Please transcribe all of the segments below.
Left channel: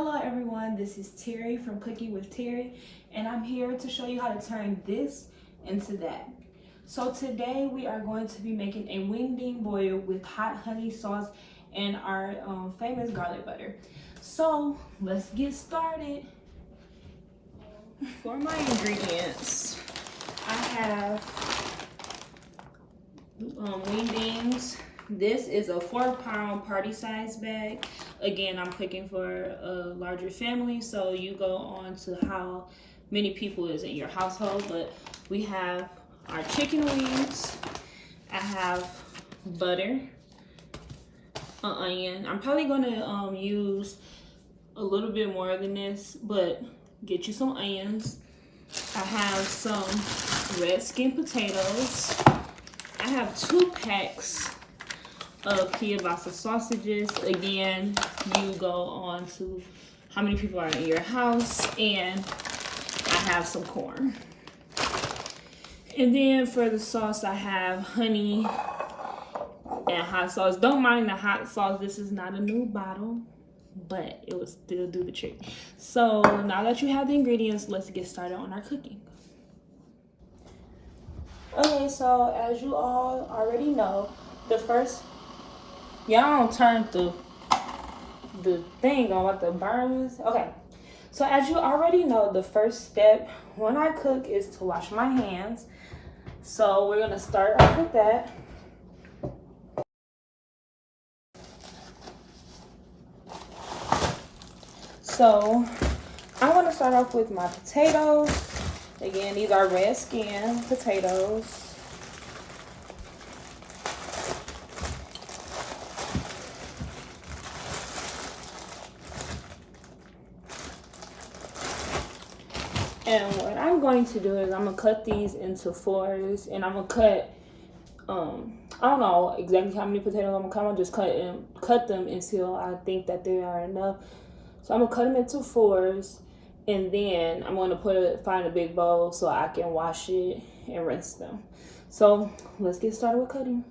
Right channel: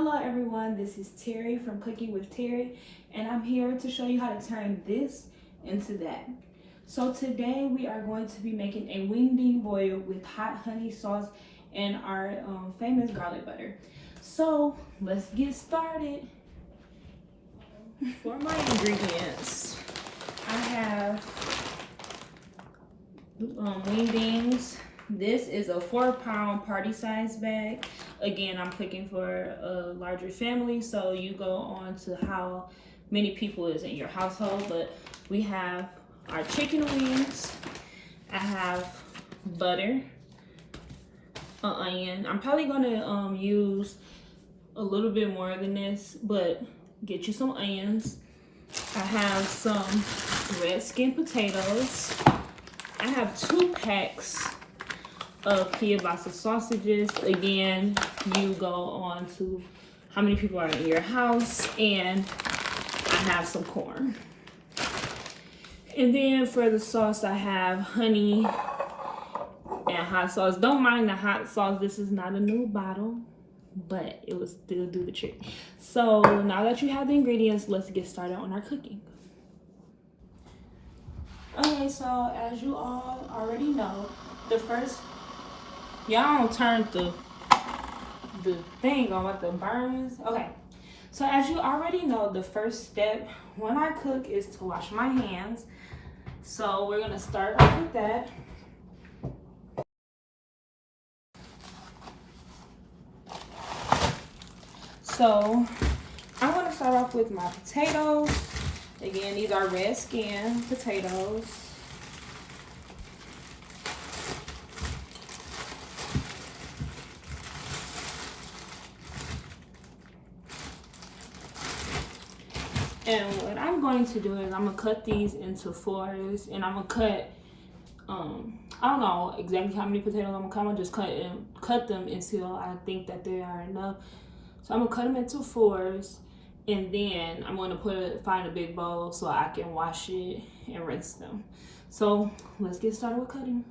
Hello everyone, this is Terry from Cooking with Terry, and I'm here to show you how to turn this into that. So today we are going to be making a wingding boil with hot honey sauce and our famous garlic butter. So let's get started. For my ingredients, I have wingdings. This is a 4-pound party size bag. Again, I'm cooking for a larger family, so you go on to how many people is in your household. But we have our chicken wings. I have butter, an onion. I'm probably gonna use a little bit more than this, but get you some onions. I have some red skin potatoes. I have 2 packs of kielbasa sausages. Again, you go on to how many people are in your house, and I have some corn. And then for the sauce, I have honey and hot sauce. Don't mind the hot sauce. This is not a new bottle, but it will still do the trick. So now that you have the ingredients, let's get started on our cooking. Okay, so as you all already know, the first, y'all don't turn the thing on what the burn is. Okay, so as you already know, the first step when I cook is to wash my hands. So we're gonna start off with that. So I want to start off with my potatoes. Again, these are red skin potatoes. And what I'm going to do is I'm gonna cut these into 4s, and I'm gonna cut I don't know exactly how many potatoes I'm gonna cut. I'm gonna just cut them until I think that they are enough. So I'm gonna cut them into 4s, and then I'm gonna find a big bowl so I can wash it and rinse them. So let's get started with cutting.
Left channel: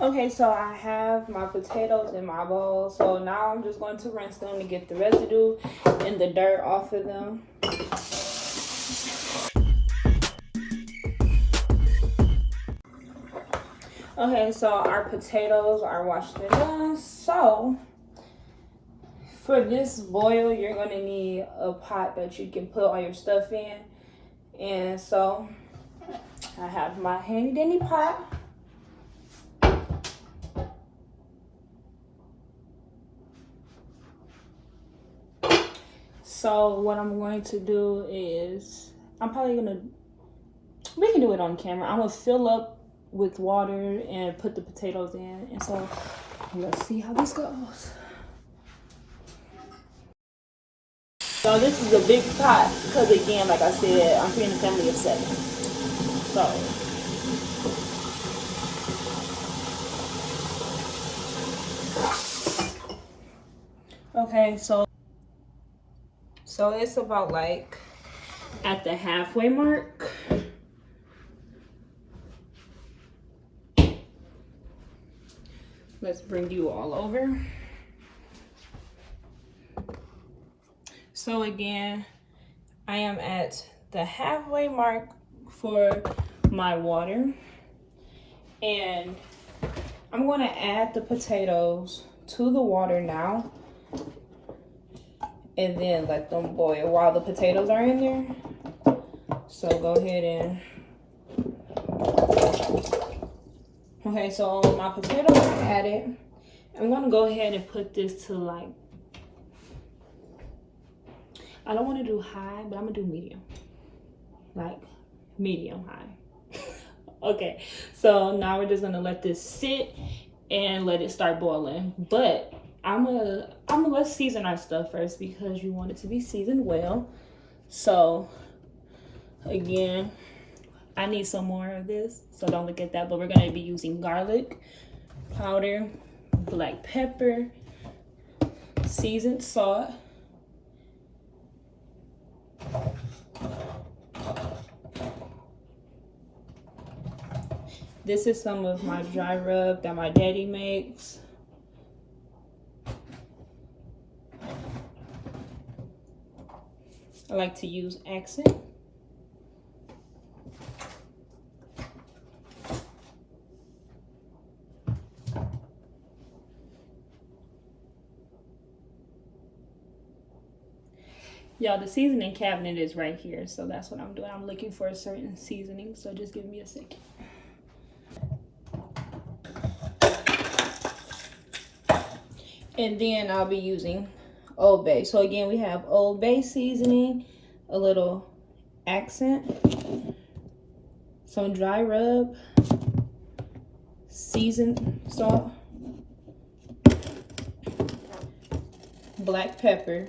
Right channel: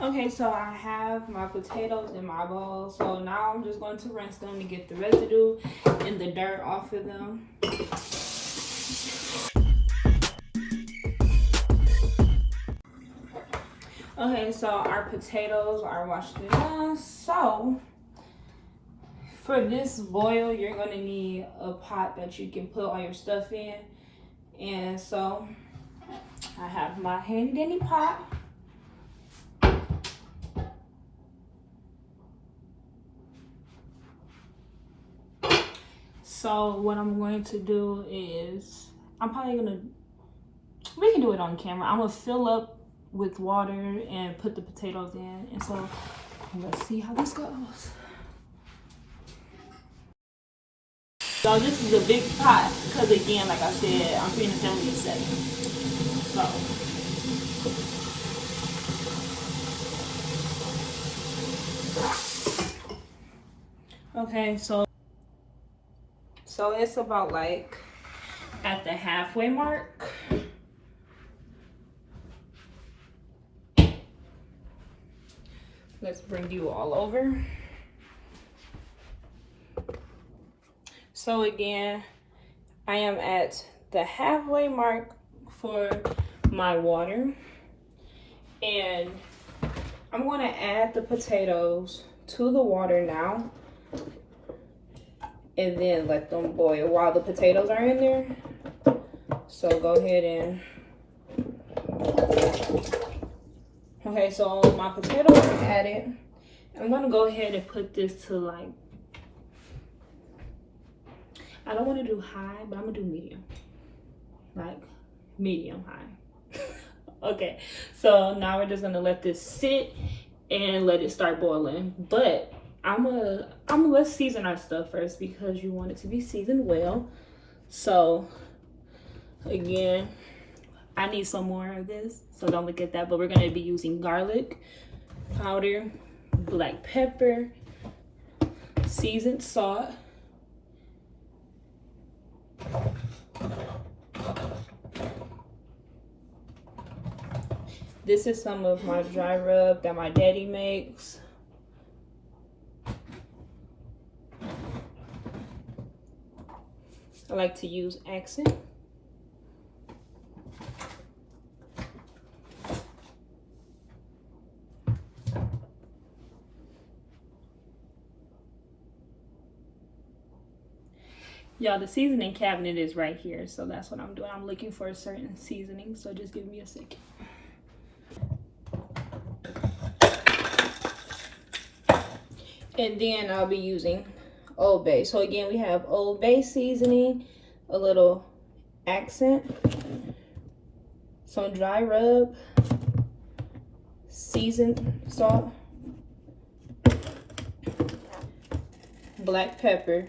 Okay, so I have my potatoes in my bowl. So now I'm just going to rinse them to get the residue and the dirt off of them. Okay, so our potatoes are washed and done. So for this boil, you're gonna need a pot that you can put all your stuff in. And so I have my handy dandy pot. So what I'm going to do is, we can do it on camera. I'm gonna fill up with water and put the potatoes in. And so let's see how this goes. So this is a big pot because, again, like I said, I'm feeding a family of 7. So okay, so it's about like at the halfway mark. Let's bring you all over. So again, I am at the halfway mark for my water, and I'm going to add the potatoes to the water now, and then let them boil while the potatoes are in there. So go ahead and, okay, so my potatoes are added. I'm gonna go ahead and put this to, like, I don't want to do high, but I'm gonna do medium, like medium high. Okay, so now we're just gonna let this sit and let it start boiling. But let's season our stuff first because you want it to be seasoned well. So again, I need some more of this, so don't look at that. But we're gonna be using garlic powder, black pepper, seasoned salt, This is some of my dry rub that my daddy makes. I like to use Accent. Y'all, the seasoning cabinet is right here, so that's what I'm doing. I'm looking for a certain seasoning, so just give me a second. And then I'll be using Old Bay. So again, we have Old Bay seasoning, a little Accent, some dry rub, seasoned salt, black pepper,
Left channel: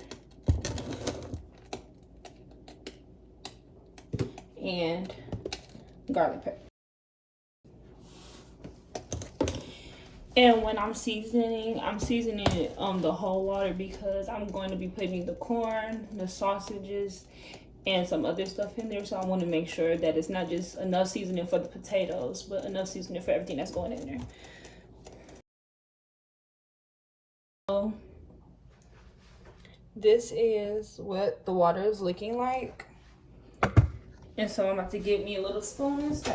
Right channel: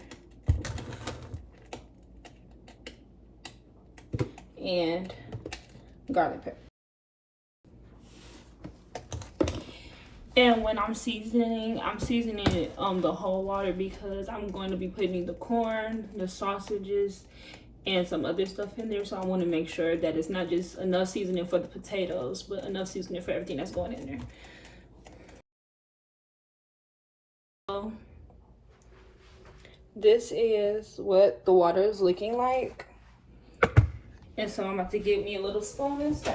and garlic pepper. And when I'm seasoning it the whole water because I'm going to be putting the corn, the sausages, and some other stuff in there. So I want to make sure that it's not just enough seasoning for the potatoes, but enough seasoning for everything that's going in there. So this is what the water is looking like. And so I'm about to get me a little spoon and stir.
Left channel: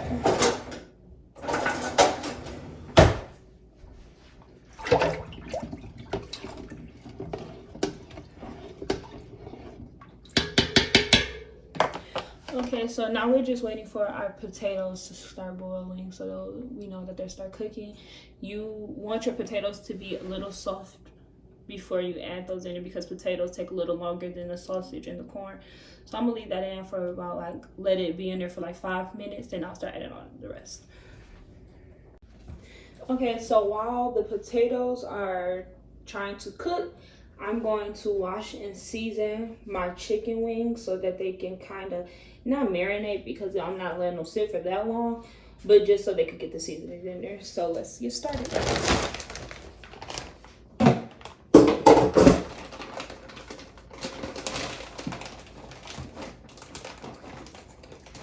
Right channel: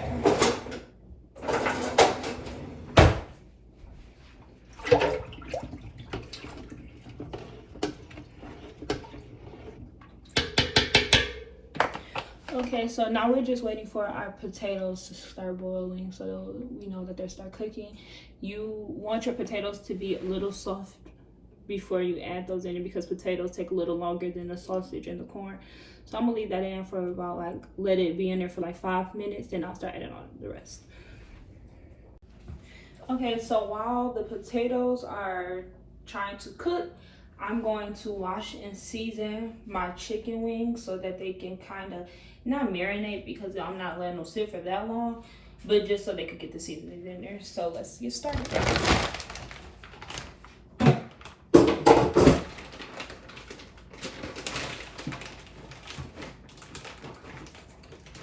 Okay, so now we're just waiting for our potatoes to start boiling so we know that they start cooking. You want your potatoes to be a little soft before you add those in because potatoes take a little longer than the sausage and the corn. So I'm gonna leave that in for about let it be in there for 5 minutes, then I'll start adding on the rest. Okay, so while the potatoes are trying to cook, I'm going to wash and season my chicken wings so that they can kind of not marinate because I'm not letting them sit for that long, but just so they could get the seasonings in there. So let's get started.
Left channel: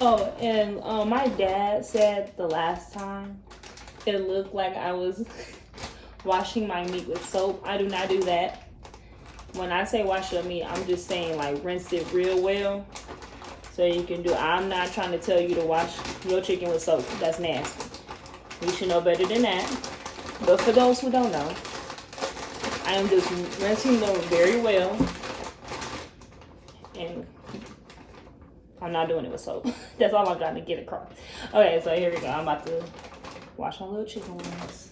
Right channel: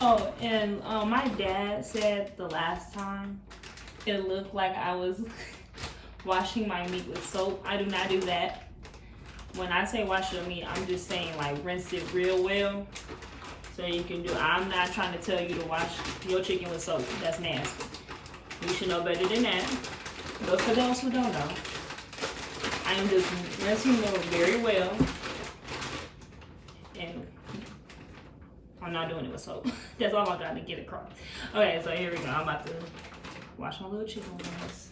Oh, and my dad said the last time it looked like I was washing my meat with soap. I do not do that. When I say wash your meat, I'm just saying rinse it real well. So you can do, I'm not trying to tell you to wash your chicken with soap. That's nasty. You should know better than that. But for those who don't know, I am just rinsing them very well. And I'm not doing it with soap. That's all I'm trying to get across. Okay, so here we go. I'm about to wash my little chicken wings.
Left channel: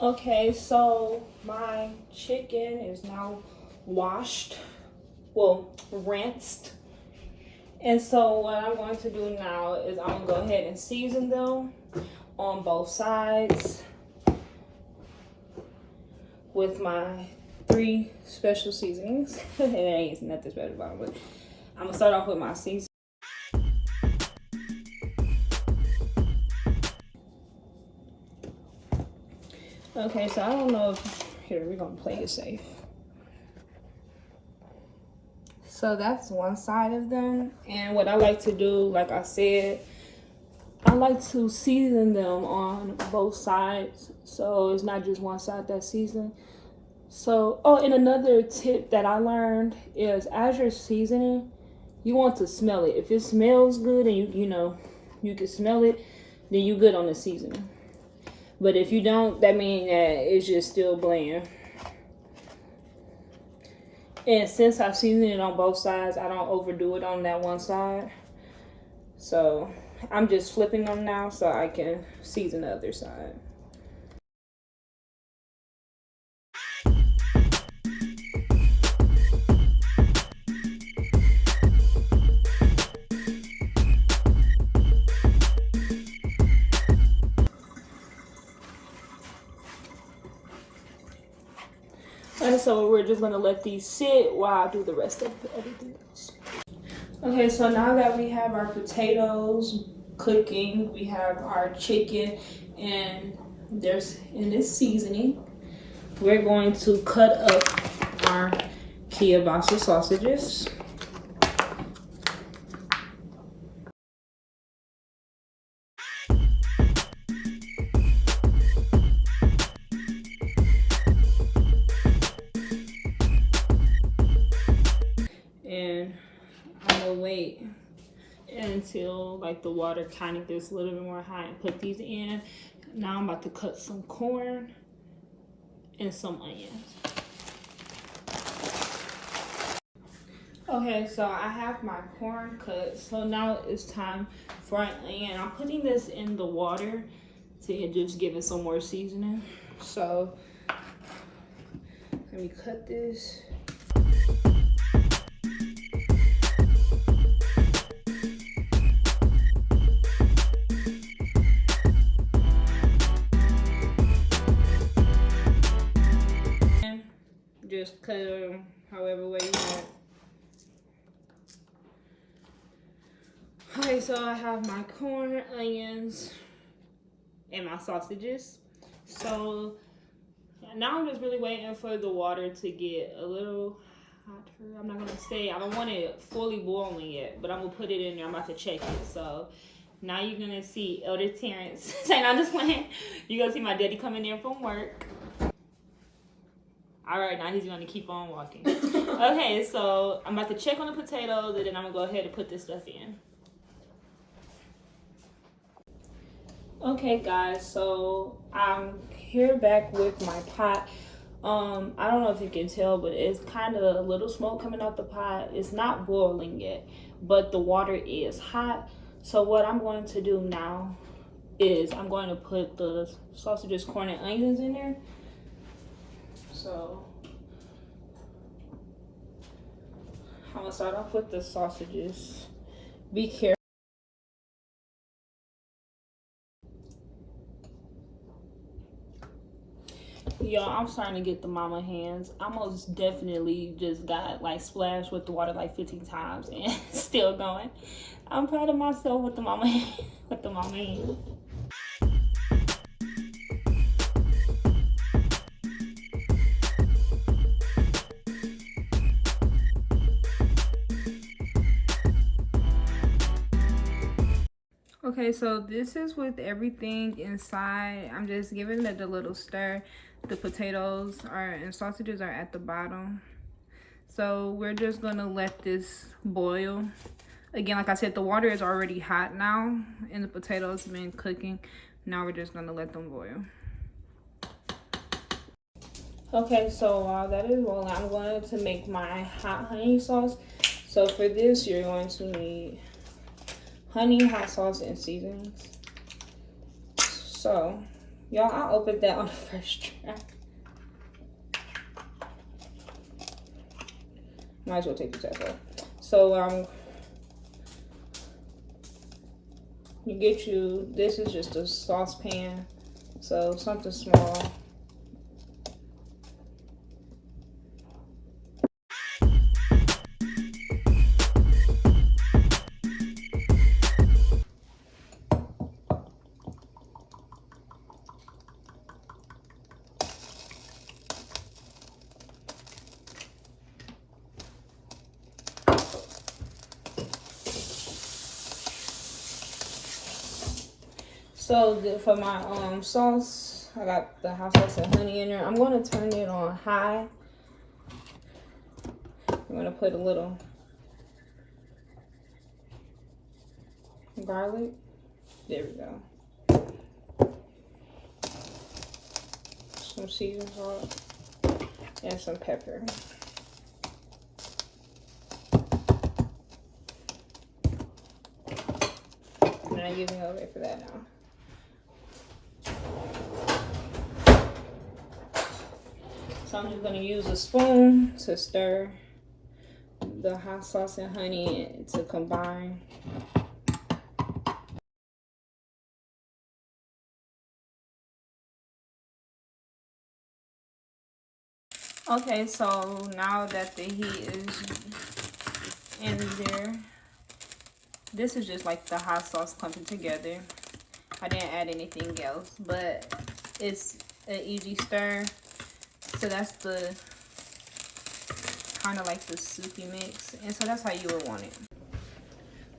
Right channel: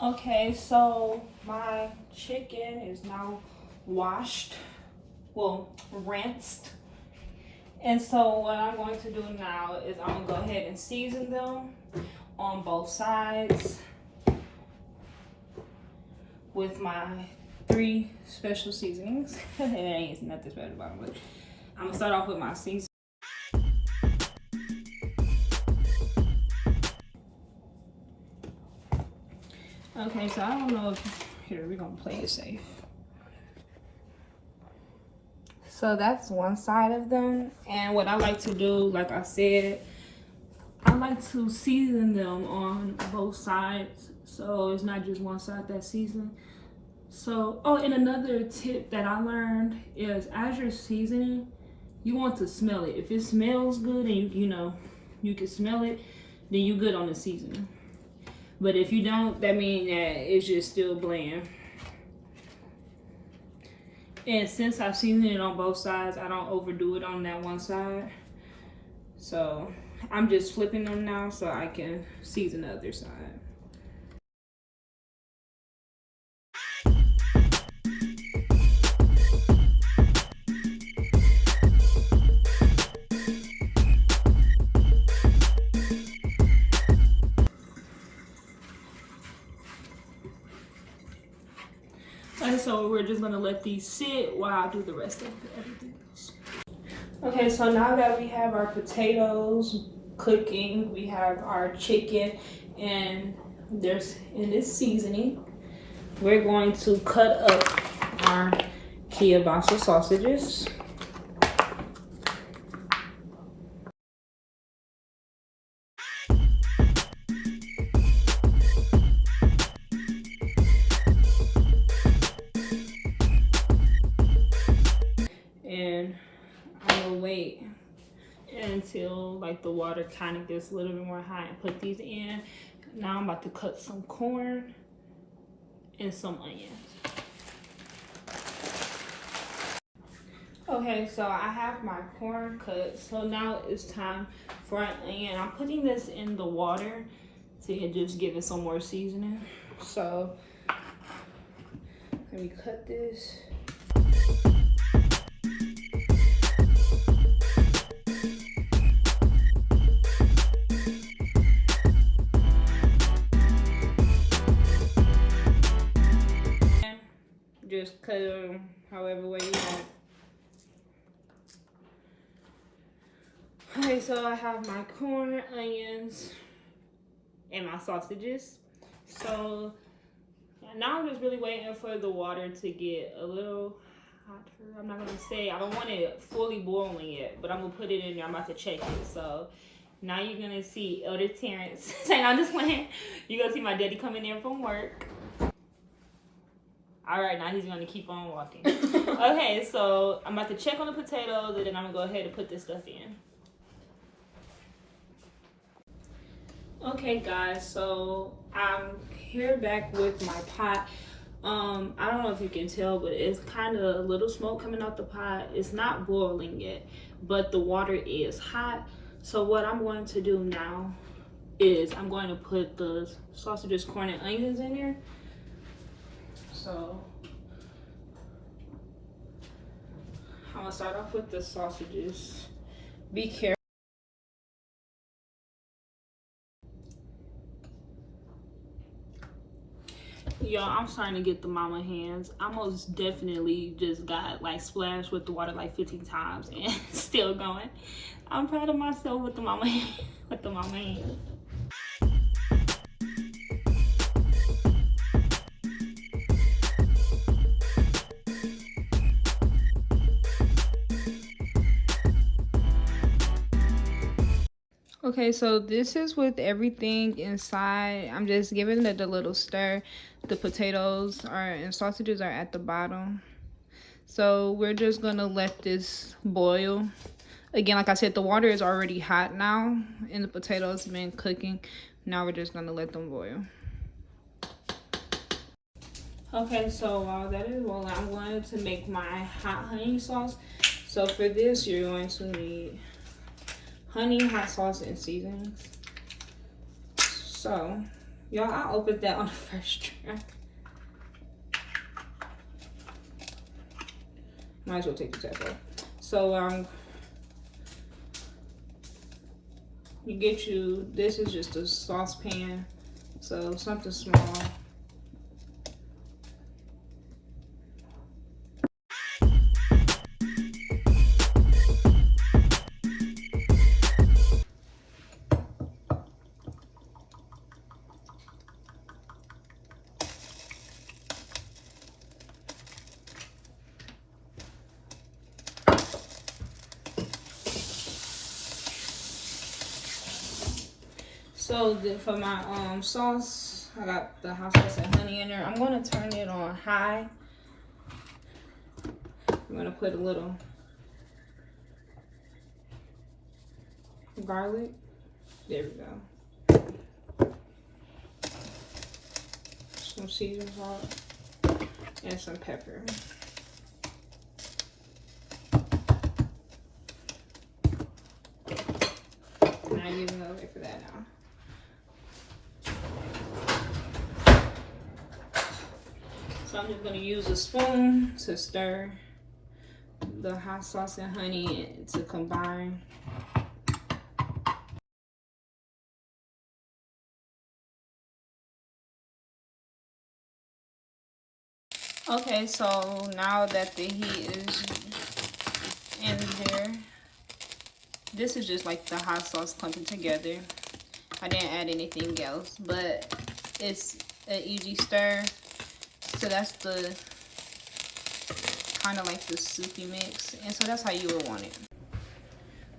Okay, so my chicken is now washed, rinsed. And so what I'm going to do now is I'm gonna go ahead and season them on both sides with my 3 special seasonings. It ain't nothing special about it, but I'm gonna start off with my seasoning. Okay, so I don't know if, here, we're gonna play it safe. So that's one side of them. And what I like to do, like I said, I like to season them on both sides. So it's not just one side that's seasoned. So, oh, and another tip that I learned is as you're seasoning, you want to smell it. If it smells good and you can smell it, then you good on the seasoning. But if you don't, that means that it's just still bland. And since I season it on both sides, I don't overdo it on that one side. So I'm just flipping them now so I can season the other side. And so we're just gonna let these sit while I do the rest of everything else. Okay, so now that we have our potatoes cooking. We have our chicken, and there's in this seasoning. We're going to cut up our kielbasa sausages. And I'm gonna wait until like the water kind of gets a little bit more high and put these in. Now I'm about to cut some corn and some onions. Okay, so I have my corn cut. So now it's time for an onion. I'm putting this in the water to just give it some more seasoning. So let me cut this. Just cut them however way you want. Okay, so I have my corn, onions, and my sausages. So now I'm just really waiting for the water to get a little hotter. I'm not gonna say, I don't want it fully boiling yet, but I'm gonna put it in there. I'm about to check it. So now you're gonna see Elder Terrence saying, I'm just playing. You're gonna see my daddy coming in from work. All right, now he's gonna keep on walking. Okay, so I'm about to check on the potatoes, and then I'm gonna go ahead and put this stuff in. Okay, guys, so I'm here back with my pot. I don't know if you can tell, but it's kind of a little smoke coming out the pot. It's not boiling yet, but the water is hot. So what I'm going to do now is I'm going to put the sausages, corn, and onions in there. So I'm gonna start off with the sausages. Be careful. Yo, I'm starting to get the mama hands. I most definitely just got like splashed with the water like 15 times and still going. I'm proud of myself with the mama with the mama hands. Okay, so this is with everything inside. I'm just giving it a little stir. The potatoes are and sausages are at the bottom. So we're just gonna let this boil. Again, like I said, the water is already hot now and the potatoes have been cooking. Now we're just gonna let them boil. Okay, so while that is boiling, I'm going to make my hot honey sauce. So for this, you're going to need honey, hot sauce, and seasonings. So, y'all, I opened that on the first try. Might as well take the tap off. So, this is just a saucepan. So, something small. So for my sauce, I got the hot sauce and honey in there. I'm going to turn it on high. I'm going to put a little garlic. There we go. Some seasoned salt and some pepper. And I'm giving over for that now. So I'm just going to use a spoon to stir the hot sauce and honey to combine. Okay, so now that the heat is in there, This is just like the hot sauce clumping together. I didn't add anything else, but it's an easy stir. So that's the kind of like the soupy mix, and so that's how you would want it.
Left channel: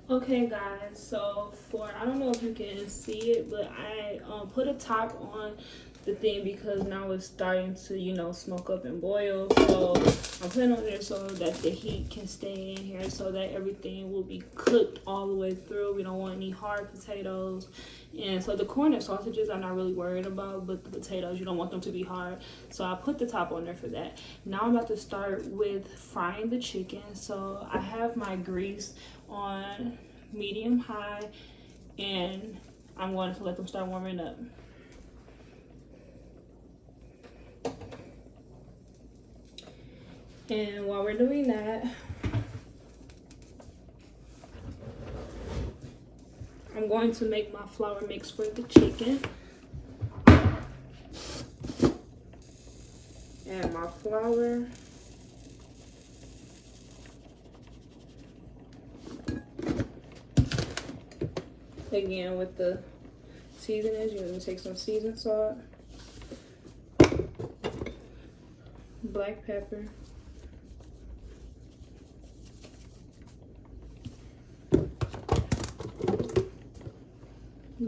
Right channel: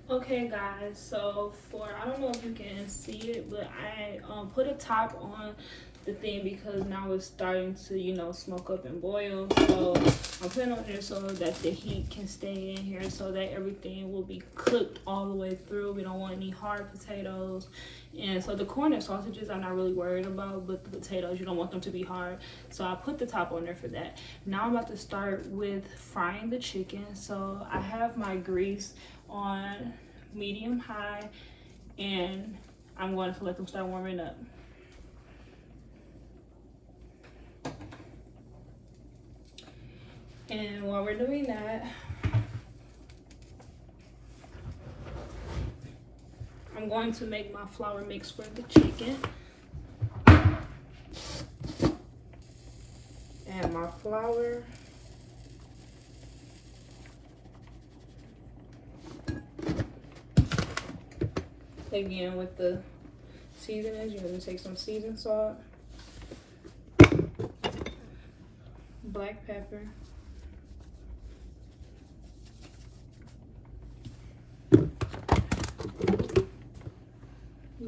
Okay guys, so I don't know if you can see it, but I put a top on the thing because now it's starting to, you know, smoke up and boil. So I'm putting on there so that the heat can stay in here, so that everything will be cooked all the way through. We don't want any hard potatoes. And so the corn and sausages I'm not really worried about, but the potatoes, you don't want them to be hard. So I put the top on there for that. Now I'm about to start with frying the chicken. So I have my grease on medium high, and I'm going to let them start warming up. And while we're doing that, I'm going to make my flour mix for the chicken. Add my flour. Again, with the seasonings, you're going to take some seasoned salt, black pepper,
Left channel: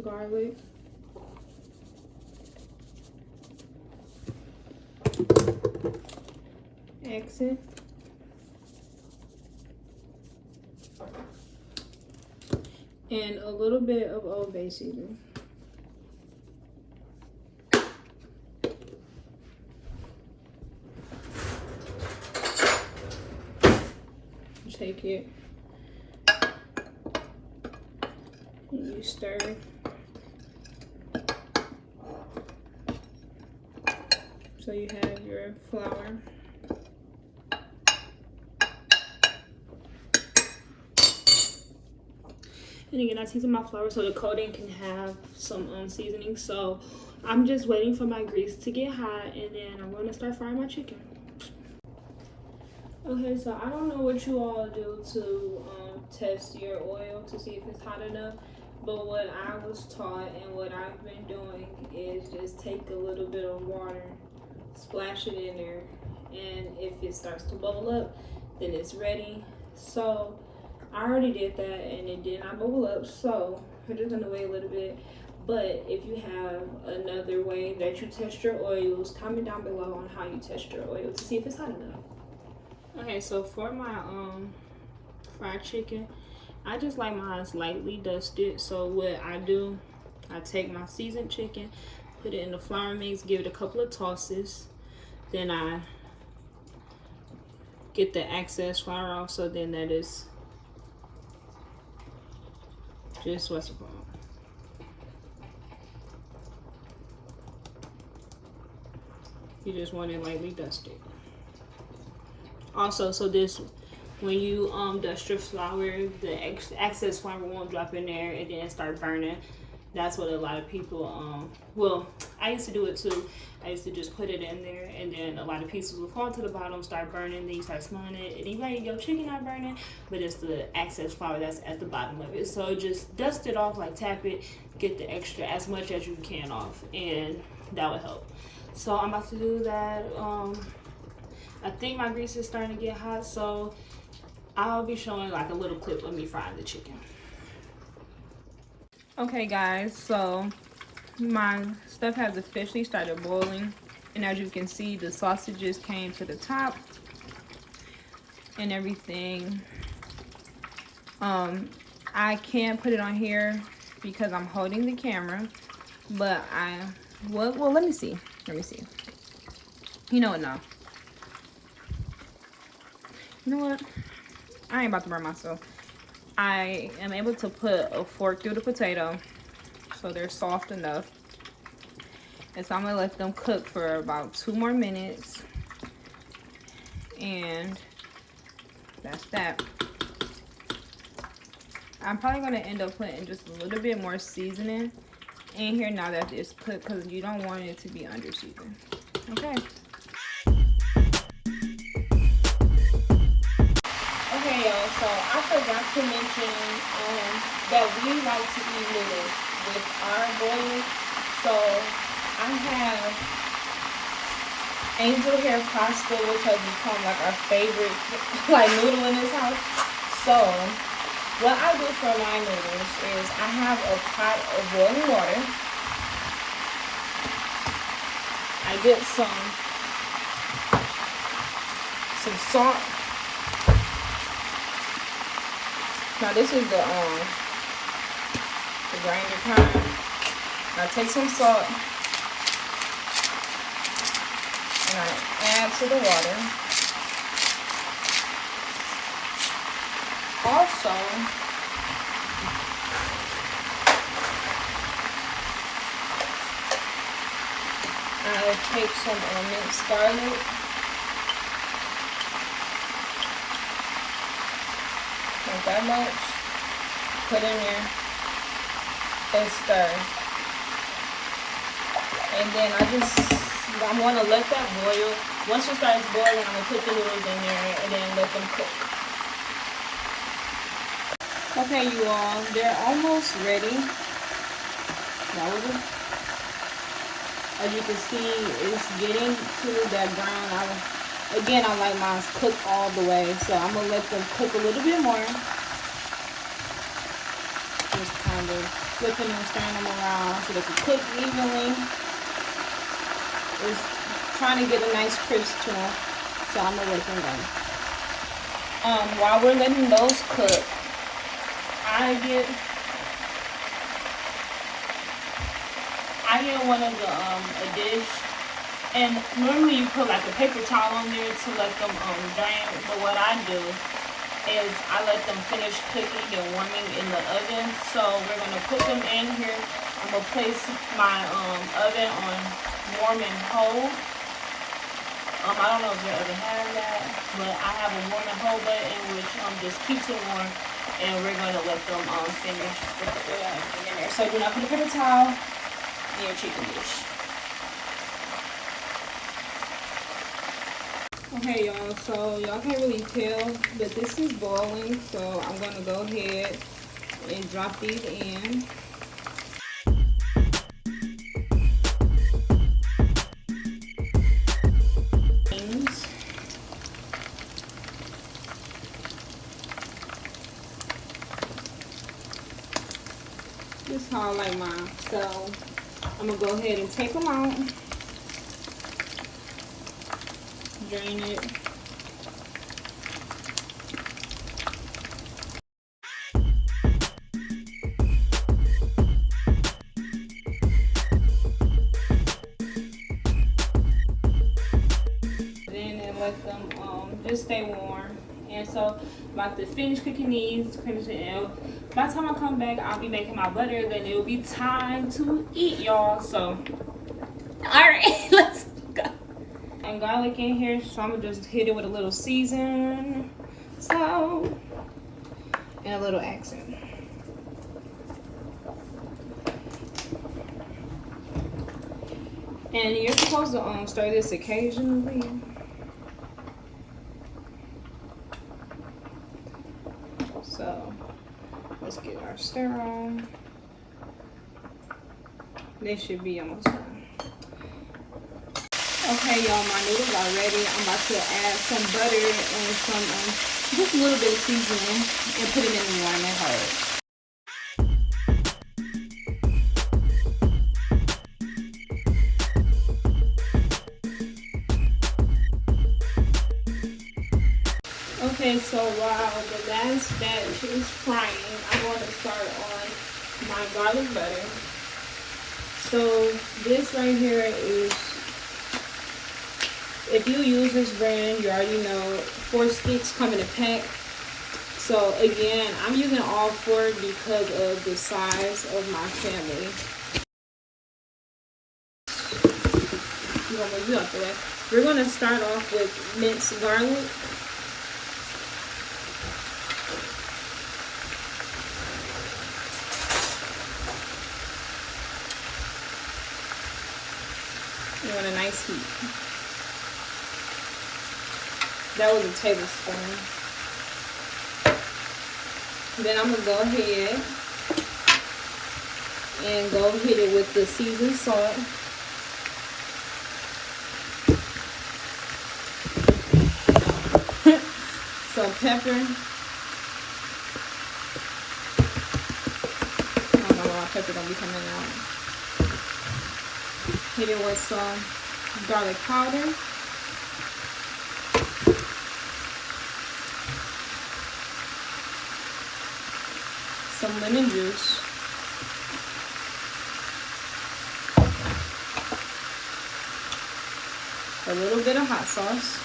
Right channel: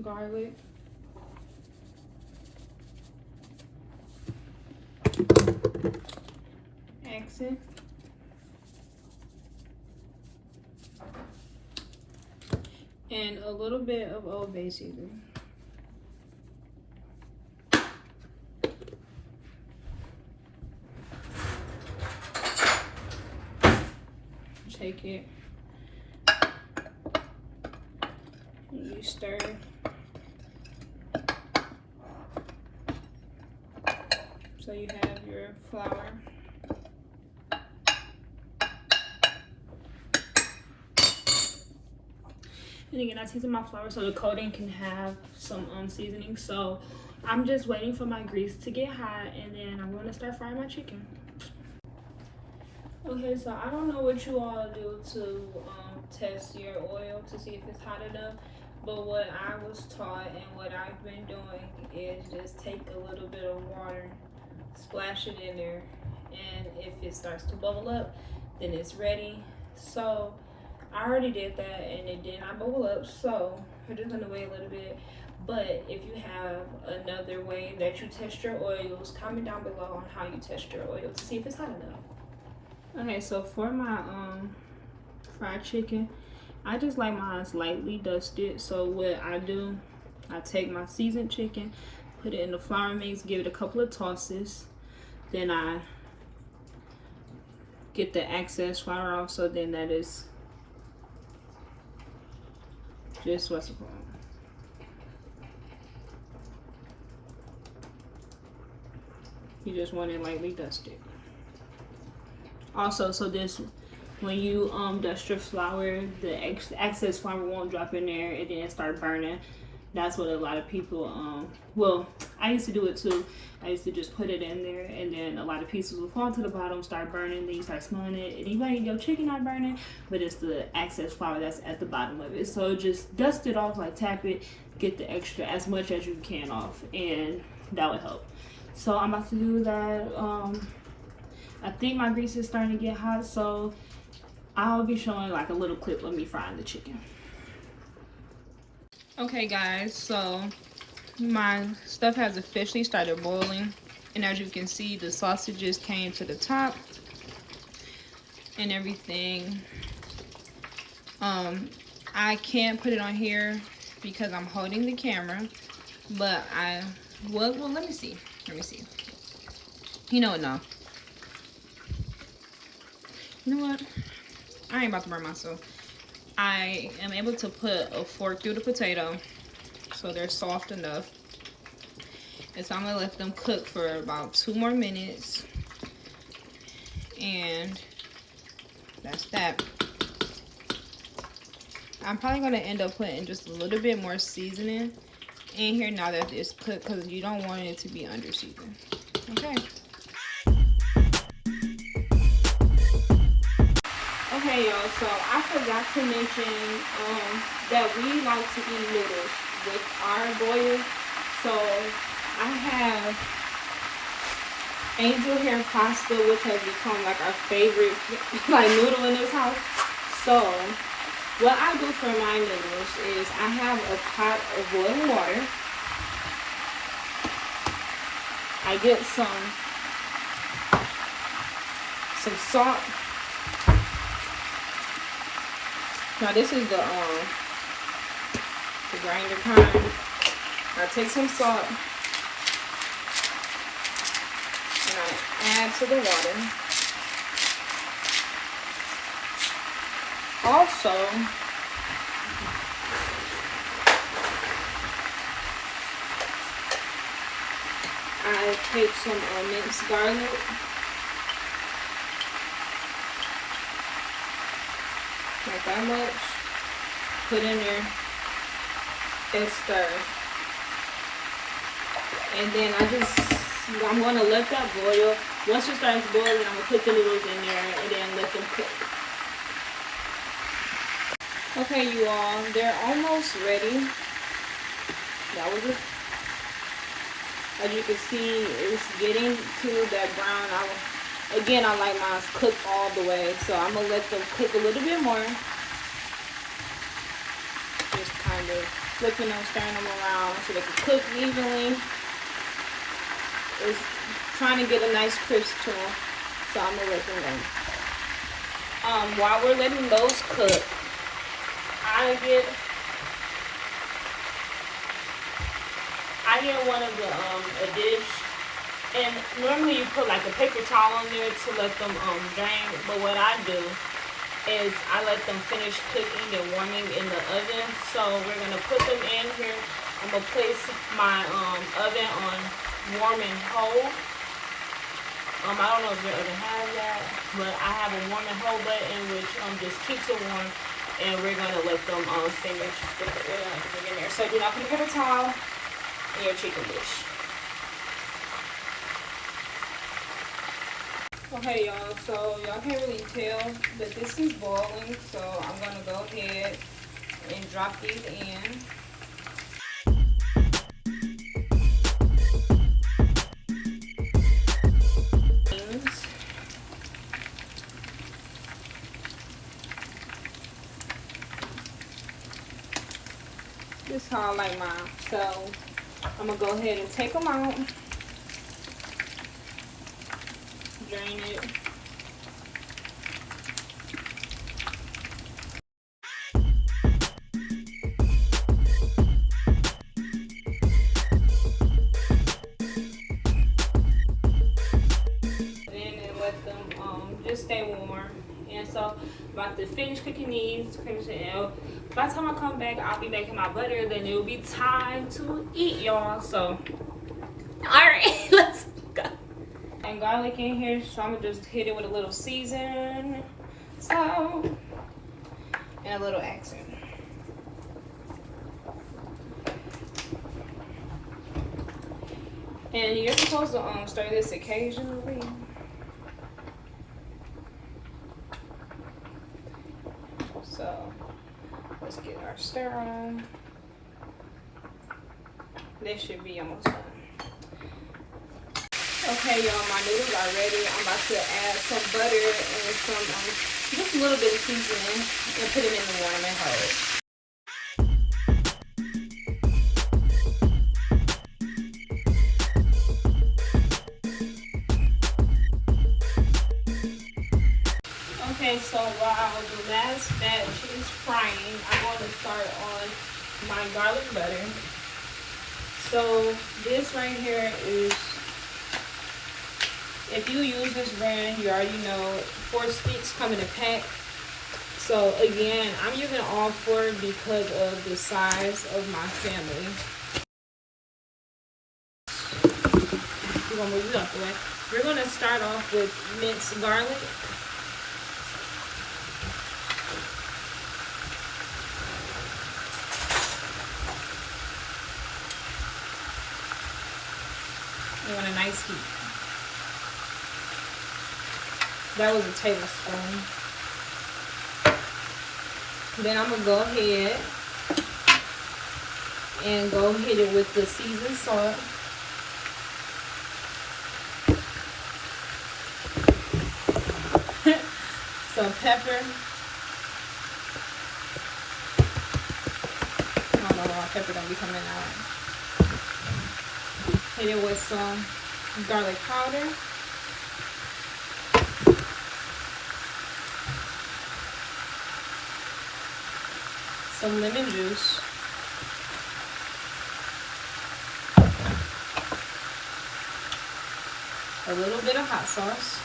garlic, accent, and a little bit of Old Bay seasoning. Take it and you stir. So you have your flour. And again, I season my flour so the coating can have some seasoning. So I'm just waiting for my grease to get hot, and then I'm going to start frying my chicken. Okay, so I don't know what you all do to test your oil to see if it's hot enough, but what I was taught and what I've been doing is just take a little bit of water, splash it in there, and if it starts to bubble up, then it's ready. So I already did that and it did not bubble up, so we're just gonna wait a little bit. But if you have another way that you test your oils, comment down below on how you test your oil to see if it's hot enough. Okay, so for my fried chicken, I just like mine lightly dusted. So what I do, I take my seasoned chicken, put it in the flour mix, give it a couple of tosses, then I get the excess flour off. So then that is just what's it called. You just want it lightly dusted. Also, so this, when you dust your flour, the excess flour won't drop in there and then start burning. That's what a lot of people, well, I used to do it too. I used to just put it in there, and then a lot of pieces will fall to the bottom, start burning, then you start smelling it, and even your chicken not burning, but it's the excess flour that's at the bottom of it. So just dust it off, like tap it, get the extra, as much as you can off, and that would help. So I'm about to do that. I think my grease is starting to get hot, so I'll be showing like a little clip of me frying the chicken. Okay guys, so my stuff has officially started boiling, and as you can see, the sausages came to the top and everything. I can't put it on here because I'm holding the camera, but well, let me see. You know what, now. You know what? I ain't about to burn myself. I am able to put a fork through the potato so they're soft enough. And so I'm gonna let them cook for about 2 more minutes. And that's that. I'm probably gonna end up putting just a little bit more seasoning in here now that it's cooked, because you don't want it to be under seasoned. Okay. Okay, y'all, so I forgot to mention that we like to eat noodles with our boil. So I have angel hair pasta, which has become like our favorite like noodle in this house. So what I do for my noodles is I have a pot of boiling water. I get some salt. Now this is the grinder kind. I take some salt and I add to the water. Also, I take some minced garlic. Like that much. Put in there and stir. And then I'm gonna let that boil. Once it starts boiling, I'm gonna put the noodles in there and then let them cook. Okay, you all, they're almost ready. That was it. As you can see, it's getting to that brown. Again, I like mine cooked all the way, so I'm gonna let them cook a little bit more. Just kind of flipping them, stirring them around so they can cook evenly. Just trying to get a nice crisp to them, so I'm gonna let them go. While we're letting those cook, I get one of a dish, and normally you put like a paper towel on there to let them drain, but what I do is I let them finish cooking and warming in the oven. So we're gonna put them in here. I'm gonna place my oven on warm and hold. I don't know if your oven has that, but I have a warm and hold button which just keeps it warm, and we're gonna let them finish with everything in there. So do not put a paper towel in your chicken dish. Okay, y'all, so y'all can't really tell, but this is boiling, so I'm gonna go ahead and drop these in. This is how I like mine, so I'm gonna go ahead and take them out. Drain it. Then let them just stay warm. And so I'm about to finish cooking these, finish it out. By the time I come back, I'll be making my butter. Then it'll be time to eat, y'all. So, all right, let's go. And garlic in here, so I'm gonna just hit it with a little season, so, and a little accent. And you're supposed to stir this occasionally. So let's get our stir on. They should be almost done. Okay, y'all, my noodles are ready. I'm about to add some butter and some just a little bit of seasoning and put it in the warm and hold. Okay, so while the last batch is frying, I'm going to start on my garlic butter. So this right here is, if you use this brand, you already know 4 sticks come in a pack. So again, I'm using all 4 because of the size of my family. We're gonna move it out the way. We're gonna start off with minced garlic. You want a nice heat. That was a tablespoon. Then I'm gonna go ahead and go hit it with the seasoned salt. Some pepper. I don't know where my pepper gonna be coming out. Hit it with some garlic powder. Some lemon juice. A little bit of hot sauce.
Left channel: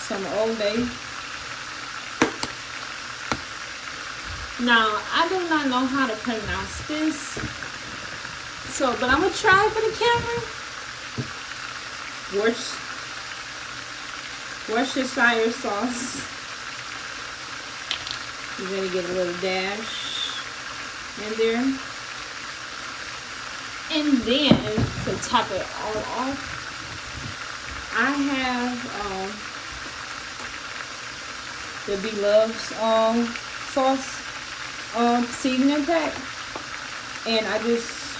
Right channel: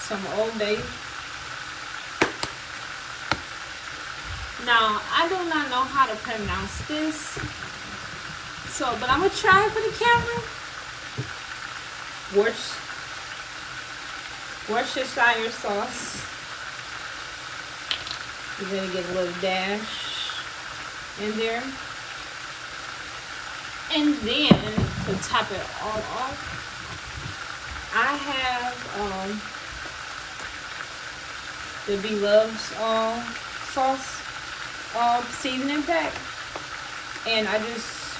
Some Old Bay. Now, I do not know how to pronounce this, but I'm gonna try for the camera. Worcestershire sauce. You're gonna get a little dash in there. And then, to top it all off, I have the Beloved's sauce seasoning pack, and I just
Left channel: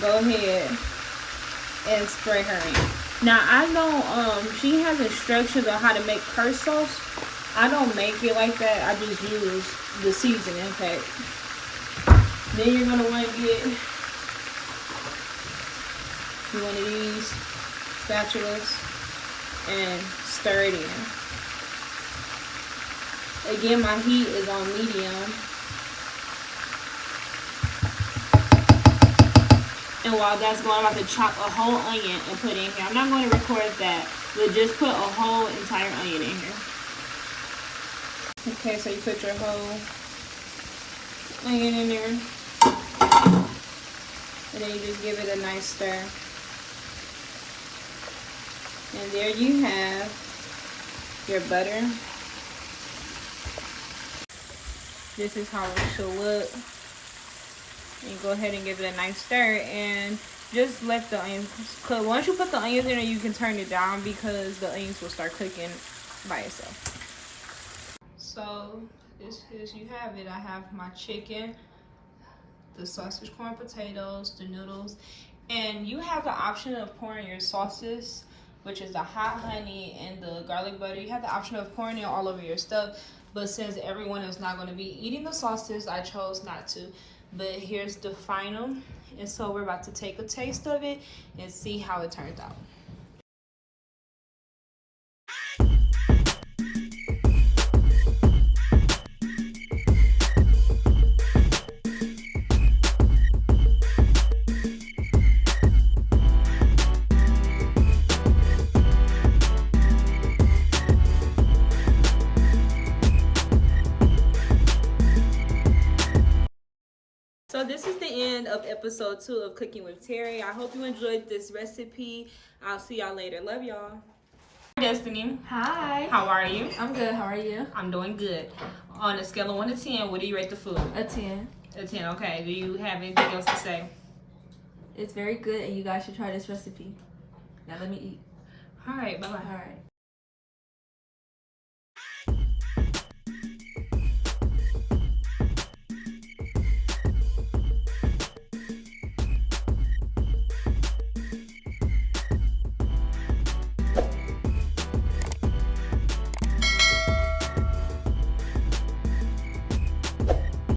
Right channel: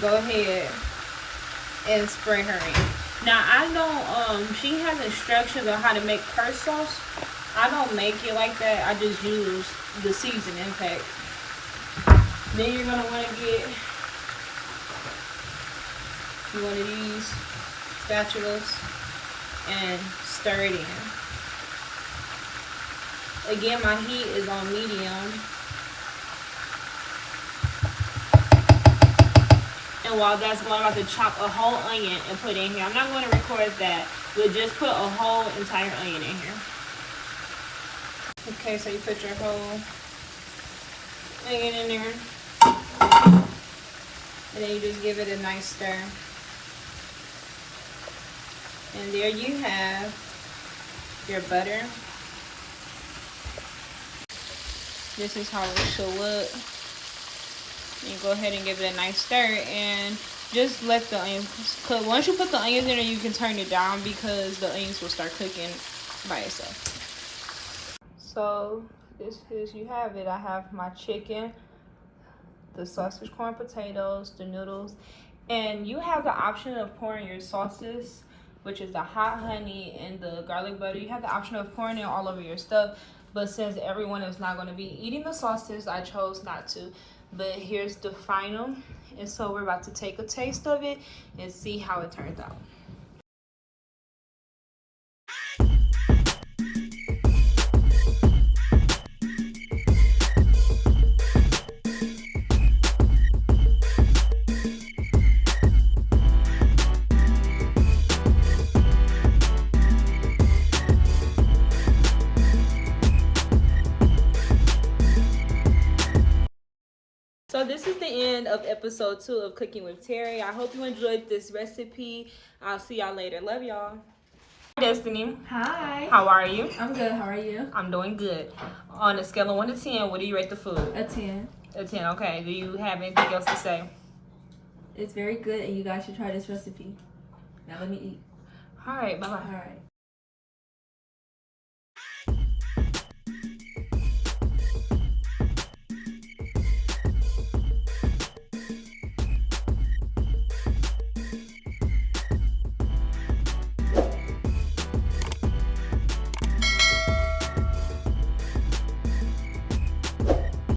go ahead and spray her in. Now I don't she has instructions on how to make her sauce. I don't make it like that. I just use the seasoning pack. Then you're gonna want to get one of these spatulas and stir it in. Again, my heat is on medium. And while that's going, I'm about to chop a whole onion and put it in here. I'm not going to record that, but just put a whole entire onion in here. Okay, so you put your whole onion in there. And then you just give it a nice stir. And there you have your butter. This is how it should look. And go ahead and give it a nice stir and just let the onions cook. Once you put the onions in there, you can turn it down because the onions will start cooking by itself. So this is, you have it. I have my chicken, the sausage, corn, potatoes, the noodles, and you have the option of pouring your sauces, which is the hot honey and the garlic butter. You have the option of pouring it all over your stuff, but since everyone is not going to be eating the sauces, I chose not to. But here's the final, and so we're about to take a taste of it and see how it turns out. So this is the end of episode 2 of Cooking with Terri. I hope you enjoyed this recipe. I'll see y'all later. Love y'all. Destiny. Hi. How are you? I'm good. How are you? I'm doing good. On a scale of 1 to 10, what do you rate the food? A 10. A 10, okay. Do you have anything else to say? It's very good, and you guys should try this recipe. Now let me eat. All right, bye-bye. All right.